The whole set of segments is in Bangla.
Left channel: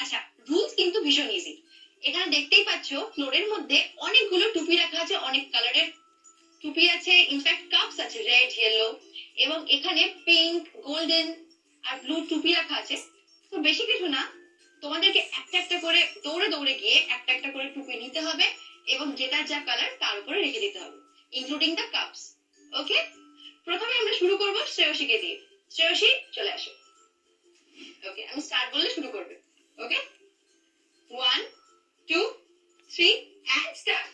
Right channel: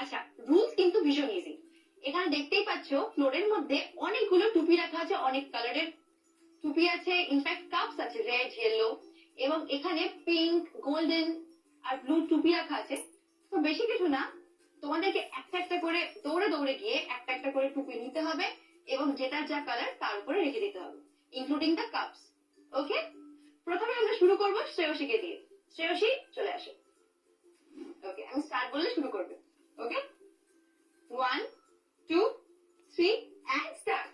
আচ্ছা, রুলস কিন্তু ভীষণ ইজি। এখানে দেখতেই পাচ্ছ ফ্লোরের মধ্যে অনেকগুলো টুপি রাখা আছে, অনেক কালারের টুপি আছে, ইনফ্যাক্ট কাপস আছে রেড, ইয়েলো, এবং এখানে পিঙ্ক, গোল্ডেন আর ব্লু টুপি রাখা আছে। তো বেশি কিছু না, তোমাদেরকে একটা একটা করে দৌড়ে দৌড়ে গিয়ে একটা একটা করে টুপি নিতে হবে এবং যেটার যা কালার তার উপরে রেখে দিতে হবে, ইনক্লুডিং দ্য কাপস। ওকে, প্রথমে আমরা শুরু করব শ্রেয়সীকে দিয়ে। শ্রেয়সী, চলে আসো। ওকে, আমি স্টার্ট বললে শুরু করবে। ওকে, 1 2 3 এন্ড স্টার্ট।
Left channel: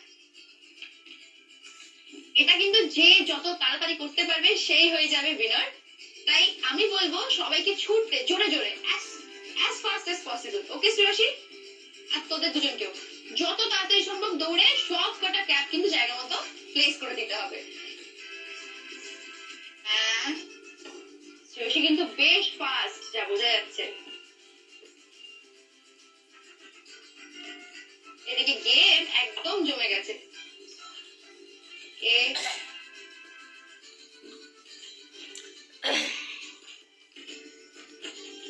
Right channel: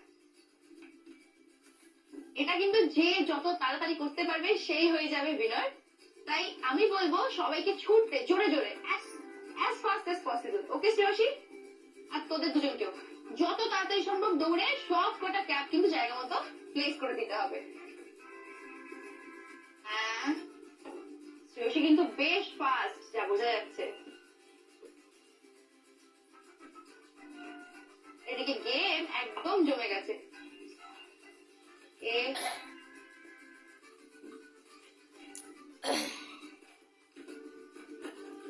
এটা কিন্তু যে যত তাড়াতাড়ি করতে পারবে সেই হয়ে যাবে উইনার। তাই আমি বলবো সবাইকে ছুটতে জোরে জোরে as fast as possible। ওকে শ্রেয়সী, আর তোদের দুজনকেও যত তাড়াতাড়ি সম্ভব দৌড়ে সব কটা ক্যাপ কিন্তু জায়গা মতো প্লেস করে দিতে হবে। হ্যাঁ, শ্রেয়সী কিন্তু বেশ ফাস্ট, যা বোঝা যাচ্ছে। এদিকে গেম একদম জমে গেছে।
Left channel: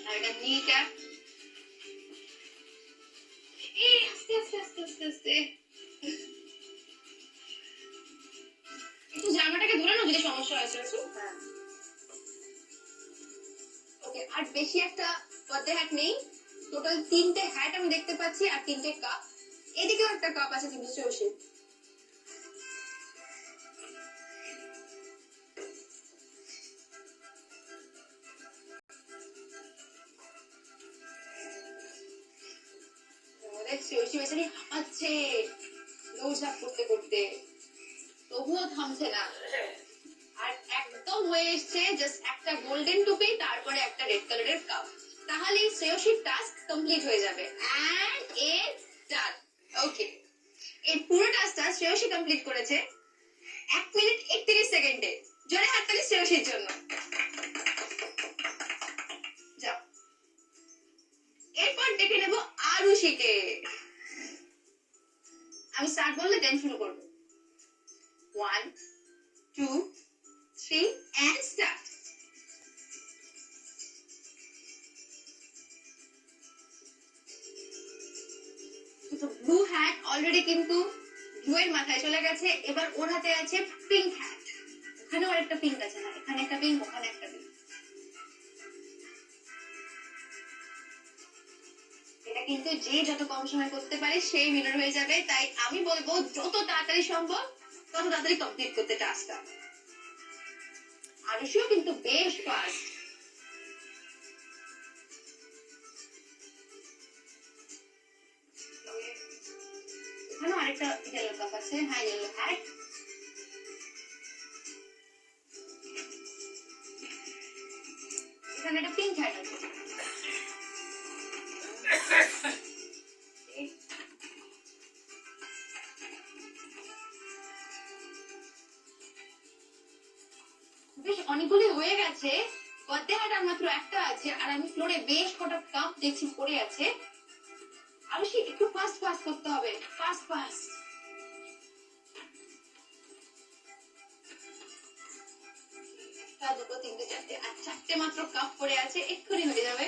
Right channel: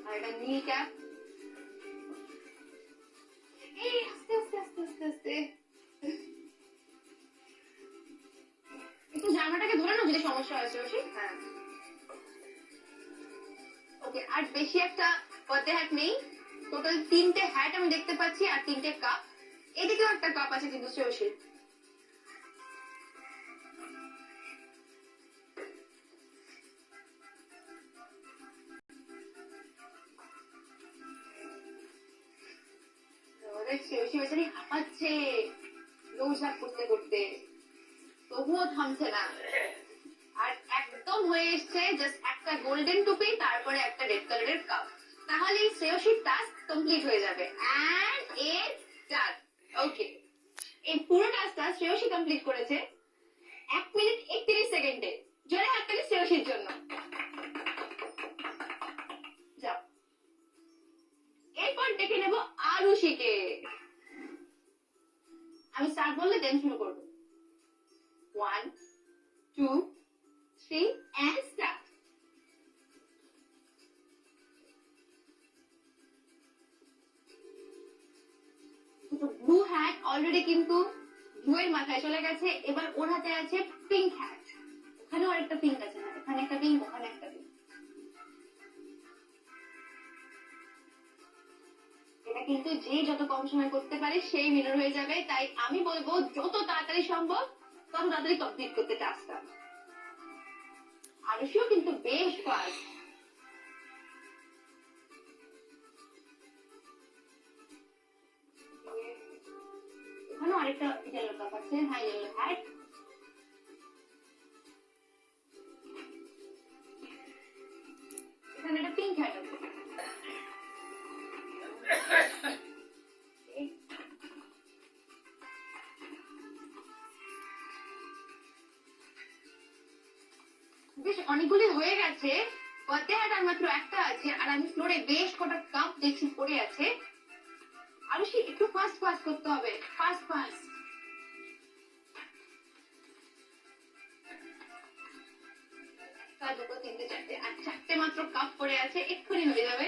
আর এটা নি ক্যাপ। এই আস্তে আস্তে আস্তে আস্তে আস্তে একটু জামাটাকে ধরে নাও যদি সমস্যা হয় শ্রেয়সী। হ্যাঁ, ওকে, আর বেশি একটা পদ্মে হ্যাট নেই। টোটাল 3টে হ্যাট আমি দেখতে পাচ্ছি আর 3টে কাপ। এদিকেও একটা কাপ আছে কিন্তু শ্রেয়সী। শ্রেয়সী বেচারি হাঁপাচ্ছে দৌড়ঝাঁপ করতে করতে, তবুও থামছে না। আর একদম হয়ে এসছে জাস্ট একটা গোল্ডেন টুপি, তারপরে একটা রেড কালারের কাপ। তাহলে শ্রেয়সীর টাস্ক কমপ্লিট হয়ে যাবে। এন্ড ইটস ডান। ওকে, এই পুরো টাস্কটা শ্রেয়সী কমপ্লিট করেছে 1 মিনিট 31 সেকেন্ডে। জোরে হাততালি শ্রেয়সীর জন্য। যাও, এরপর দেখে নেব আরুষিকে। আমি স্টার্ট বললে দেন শুরু করবো। 1 2 3 and start. Blue hat already কিন্তু ব্লু এর মাথায় চলে গেছে। এবার ওর হাতে আছে পিঙ্ক হ্যাট। ওখানেও আরেকটা পিঙ্ক আছে, না এখানে একটা পিঙ্ক, ওখানে একটা পিঙ্ক। এটা কিন্তু যে যত কম সময় করতে পারে সেই উইনার হয়ে যাবে। তাই আমি বলবো যত তাড়াতাড়ি সম্ভব তত তাড়াতাড়ি কমপ্লিট করতে টাস্কটা। আরুষিও কিন্তু বেশ ফাস্ট। এখানেও আরেকটা ইয়েলো কাপ আছে। হ্যাঁ, ইয়েলো হ্যাট। এখানে একটা পিঙ্ক হ্যাট আছে। বেশ অনেকগুলি হয়ে গেছে। পদ্মে হ্যাট আর মাত্র একটা আছে। আর আমি ফ্লোরে বেশ কটা কাপ দেখছি পড়ে আছে। আরুষি, একটু ফাস্ট ফাস্ট করতে হবে, ফাস্ট ফাস্ট। দুটো, তিনটে, চারটে, আর 4টে মাত্র কাপ পড়ে আছে, এক্ষুনি হয়ে যাবে।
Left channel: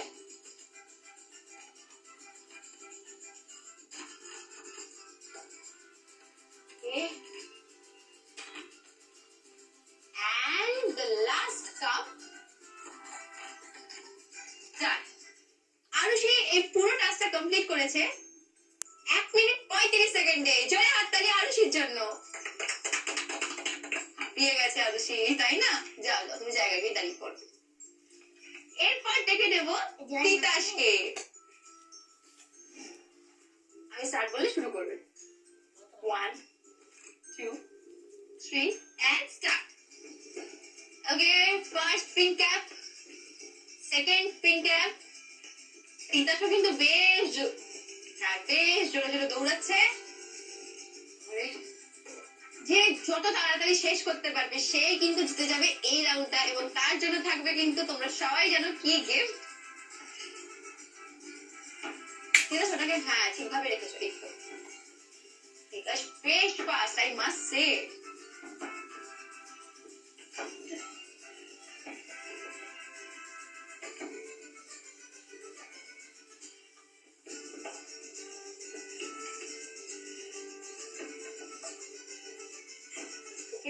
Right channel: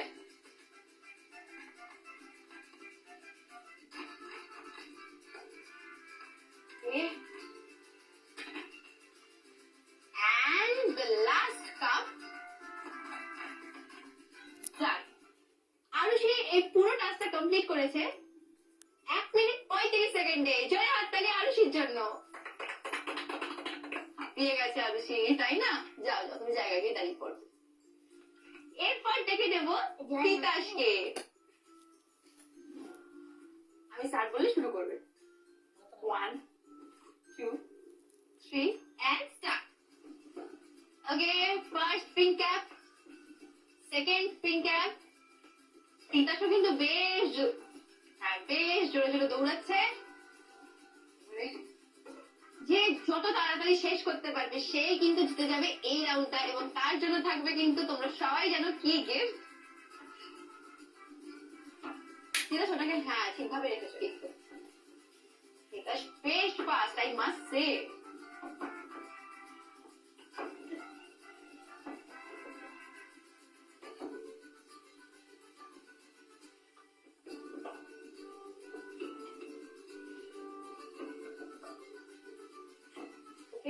And the last cup. Arushi এই পুরো টাস্কটা কমপ্লিট করেছে 1 মিনিট 35 সেকেন্ডে। জয় হাততালি আরুষির জন্য। দিয়ে গেছে আরুষি, তাই না? যাও যাও, তুমি জায়গায় গিয়ে দাঁড়িয়ে পড়ো। এরপর দেখে নেব তিতাসকে। আমি স্টার্ট বললে শুরু করবে। 1 2 3 and start. Okay, first pink cap, second pink cap. তিতাসও কিন্তু বেশ জোরে জোরে দৌড়াচ্ছে। যে যত তাড়াতাড়ি শেষ করতে পারবে সেই কিন্তু জিতে যাবে এই রাউন্ডটা, এবং তার জন্য থাকবে কিন্তু তোমরা সবাই জানো কি গিফট। তিতাস ওটাকে হ্যাঁ ঠিকভাবে রেখেছো। একটু তিতাস বেশ ফাস্ট, আই মাস্ট সে।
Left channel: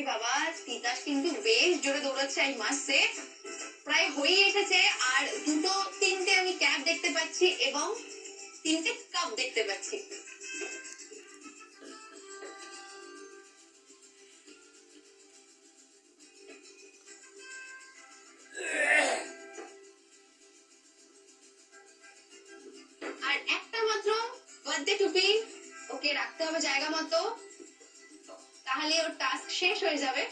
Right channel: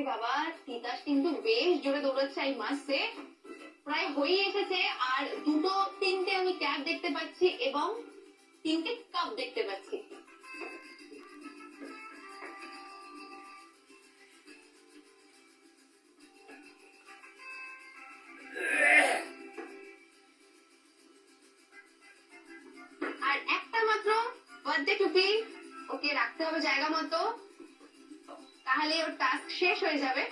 বাবা, তিতাস কিন্তু বেশ জোরে দৌড়াচ্ছে, আই মাস্ট সে। প্রায় হয়ে এসেছে, আর দুটো তিনটে আমি ক্যাপ দেখতে পাচ্ছি এবং তিনটে কাপ দেখতে পাচ্ছি। আর একটা মাত্র বার্থডে টুপি ওকে রাখতে হবে জায়গা মতো, তাহলে ওর টাস্ক শেষ হয়ে যাবে।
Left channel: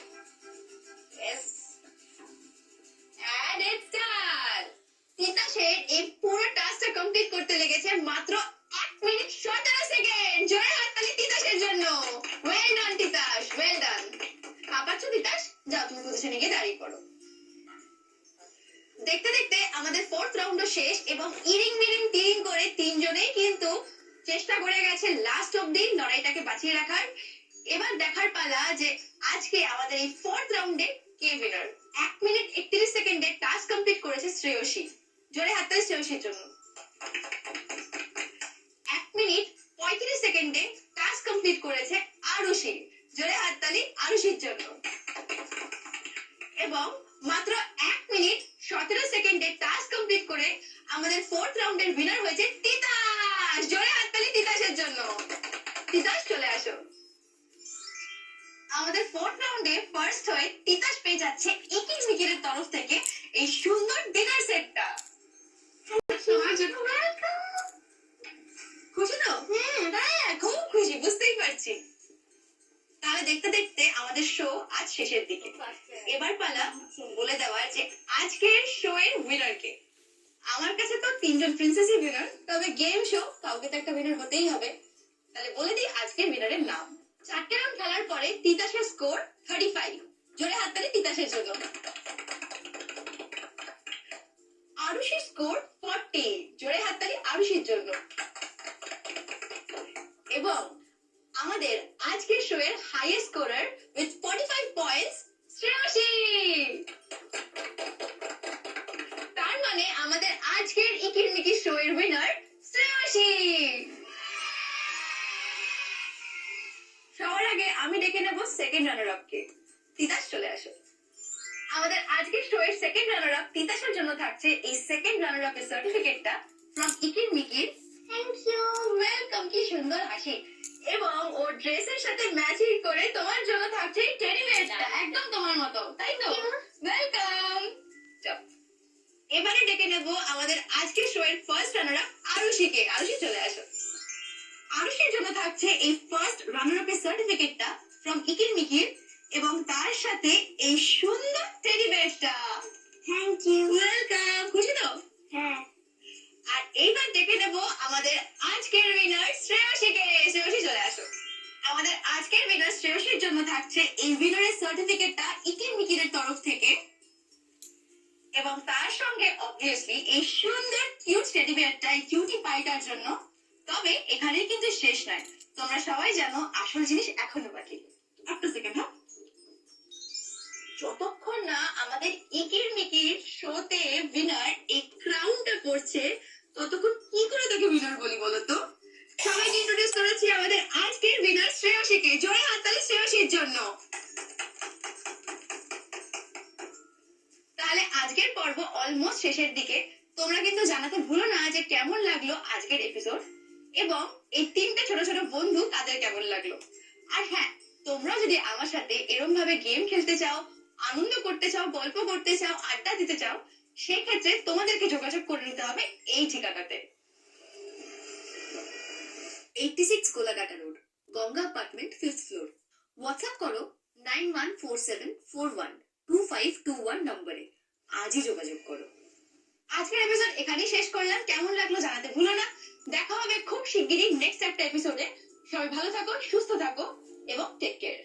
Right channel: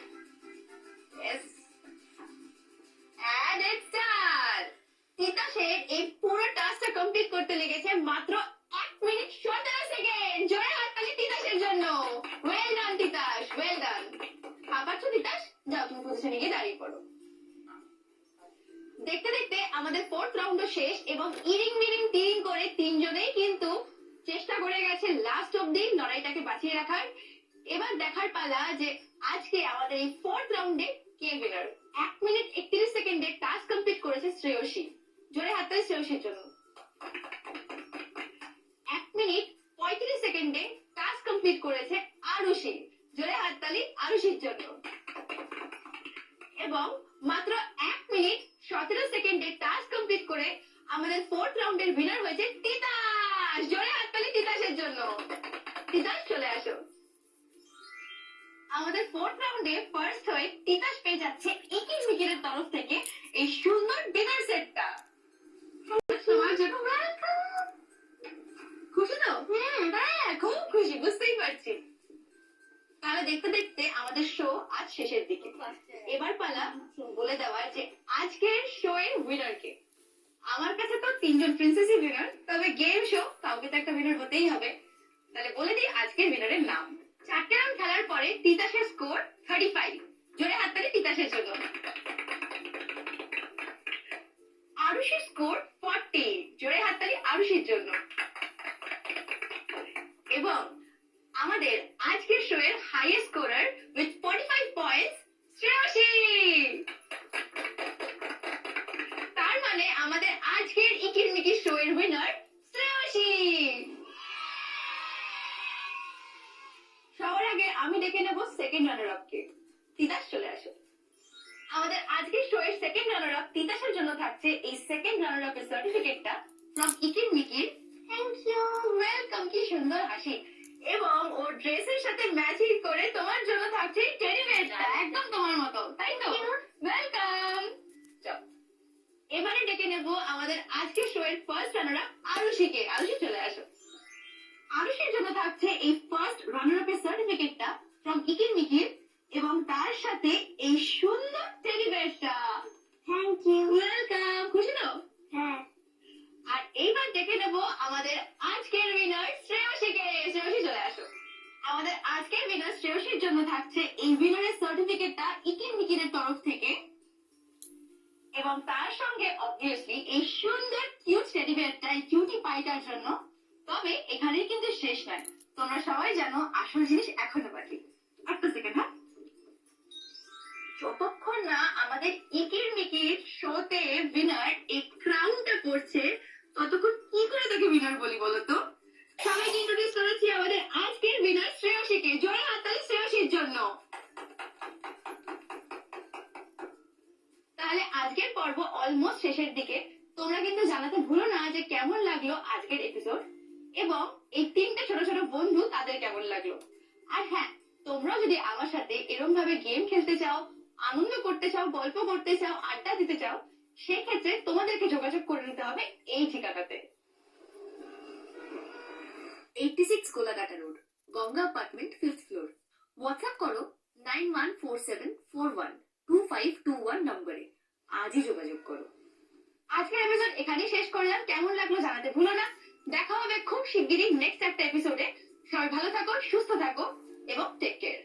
Yes. And it's done. তিতাসের এই পুরো টাস্কটা কমপ্লিট করতে লেগেছে মাত্র 1 মিনিট 17 সেকেন্ড। জোরে হাততালি তিতাসের জন্য। Well done Titas, well done. হাঁপাচ্ছ তিতাস? যাও তুমি পজিশনে গিয়ে দাঁড়িয়ে পড়ো। দেখতে দেখতে আমাদের ফোর্থ রাউন্ডও শেষ এবং ইরিং মিরিং টিরিং করে তিনজনেই কিন্তু চেষ্টা করে গেছে লাস্ট অব্দি লড়াইটাকে বাঁচিয়ে রাখার। এবার দেখার পালা যে আজকে আমাদের এই ফোর্থ রাউন্ডে কে উইনার। 1 মিনিট 31 সেকেন্ডে টাস্ক কমপ্লিট করেছে শ্রেয়সী। জোরে হাততালি শ্রেয়সীর জন্য। 1 মিনিট 35 সেকেন্ডে টাস্ক কমপ্লিট করেছে আরুষি। জোরে হাততালি আরুষির জন্য। এবং মাত্র 1 মিনিট 17 সেকেন্ডে টাস্ক কমপ্লিট করে আমাদের ফোর্থ রাউন্ডের উইনার হয়েছে তিতাস। জোরে হাততালি তিতাসের জন্য। তিতাস চলে আসো। আমাদের ফোর্থ রাউন্ডে ফার্স্ট হয়ে তিতাস পেয়ে যাচ্ছে ইকির মিকিরের তরফ থেকে এই সুন্দর ডিনার সেটটা। তোমার জন্য খুশি তো? হ্যাঁ, খুব খুশি, বুঝতেই পারছি। তাহলে দেখতে দেখতে আমাদের শো আজ শেষের দিকে। এবার পালা বলে দেওয়ার যে আজকের শো এর উইনার কে। আমার কাছে তো তিনজন প্রিন্সেসই উইনার, তবে গেম শো কাউকে তো একটা উইনার হতেই হবে। তাহলে বলে দিই আজকের উইনারের নাম। 4টে রাউন্ড খেলার পরে তিতাসের স্কোর 35। জোরে হাততালি তিতাসের জন্য। আরুষির স্কোর 40। জোরে হাততালি আরুষির জন্য। এবং আমাদের আজকের শো এর highest scorer with 45 points Shreyasi. তার মানে আমাদের আজকের ইকির মিকির শো এর উইনার শ্রেয়সী। সবার আগে আমি ডেকে নেব সেকেন্ড রানার আপ কে। তিতাস চলে আসো। আমাদের আজকের শো এর সেকেন্ড রানার আপ তিতাসের জন্য থাকছে এই সেকেন্ড রানার আপ এর সার্টিফিকেটটা ফ্রম ইকির মিকির। Thank you, welcome. কি সুন্দর হাসি। এবং ও ড্রেসের সাথে ম্যাচিং করে তোমার জন্য থাকছে টেডি বেয়ারটা, একদম তোমার মতো, তাই তো? ওয়েলকাম। এবারে ডেকে নেব আমাদের আজকের শো এর ফার্স্ট রানার আপ আরুষিকে। আরুষি চলে আসো। আরুষির জন্য থাকছে এই ফার্স্ট রানার আপ এর সার্টিফিকেটটা ফ্রম ইকির মিকির এবং তার সাথে এই সুন্দর টেডি বেয়ারটা। Thank you, welcome. খুশি তো? হ্যাঁ। আর এইবার ডেকে নেব আমাদের আজকের উইনার শ্রেয়সীকে। শ্রেয়সী চলে আসো। আমাদের আজকের উইনার শ্রেয়সীর জন্য থাকছে এই উইনারের সার্টিফিকেটটা ইকির মিকিরের তরফ থেকে এবং তার সঙ্গে অবভিয়াসলি এই সুন্দর কিউট টেডি বেয়ারটা, এই কিউটি পাইটার জন্য। তবে এখানে কিন্তু শেষ নয়, তোমরা সবাই জানো আসল জিনিস এখনো বাকি। একটা সেকেন্ড, হ্যাঁ। যতক্ষণ না আমাদের ইকির মিকির শোতে উইনার এই ক্রাউনটা পড়ছে ততক্ষণ কি করে তোকে উইনার বলি বলতো? সবাইকে ইন্ট্রোডিউস করেছি আমাদের আজকের উইনার শ্রেয়সীকে। জোরে হাততালি শ্রেয়সীর জন্য। তাহলে আজকের পর্ব অলমোস্ট শেষের দিকে। তোমরা কিন্তু জানাতে ভুলো না যে কেমন লাগলো আজকের এপিসোড এবং এই তিনটে ছোট ছোট বন্ধু তাদের কেমন লাগলো। আর হ্যাঁ, তোমরা যদি আমার সাথে এরকম ভাবে গেম খেলতে চাও, আনন্দ করতে চাও, গল্প করতে চাও, আড্ডা দিতে চাও, সেক্ষেত্রে তোমাদেরকে যোগাযোগ করে নিতে হবে এই ঠিকানাতে। 86 Golaghata road, Ganga apartment, 5th floor. WhatsApp করো 9147412521 নম্বরে। আজই যোগাযোগ করো। আজকের এপিসোড এখানেই শেষ করলাম। কেমন লাগলো জানাতে ভুলো না। দেখা হবে খুব শিগগিরই নেক্সট একটা এপিসোডে। সবাই ভালো থাকো, সুস্থ থাকো এবং টেক কেয়ার।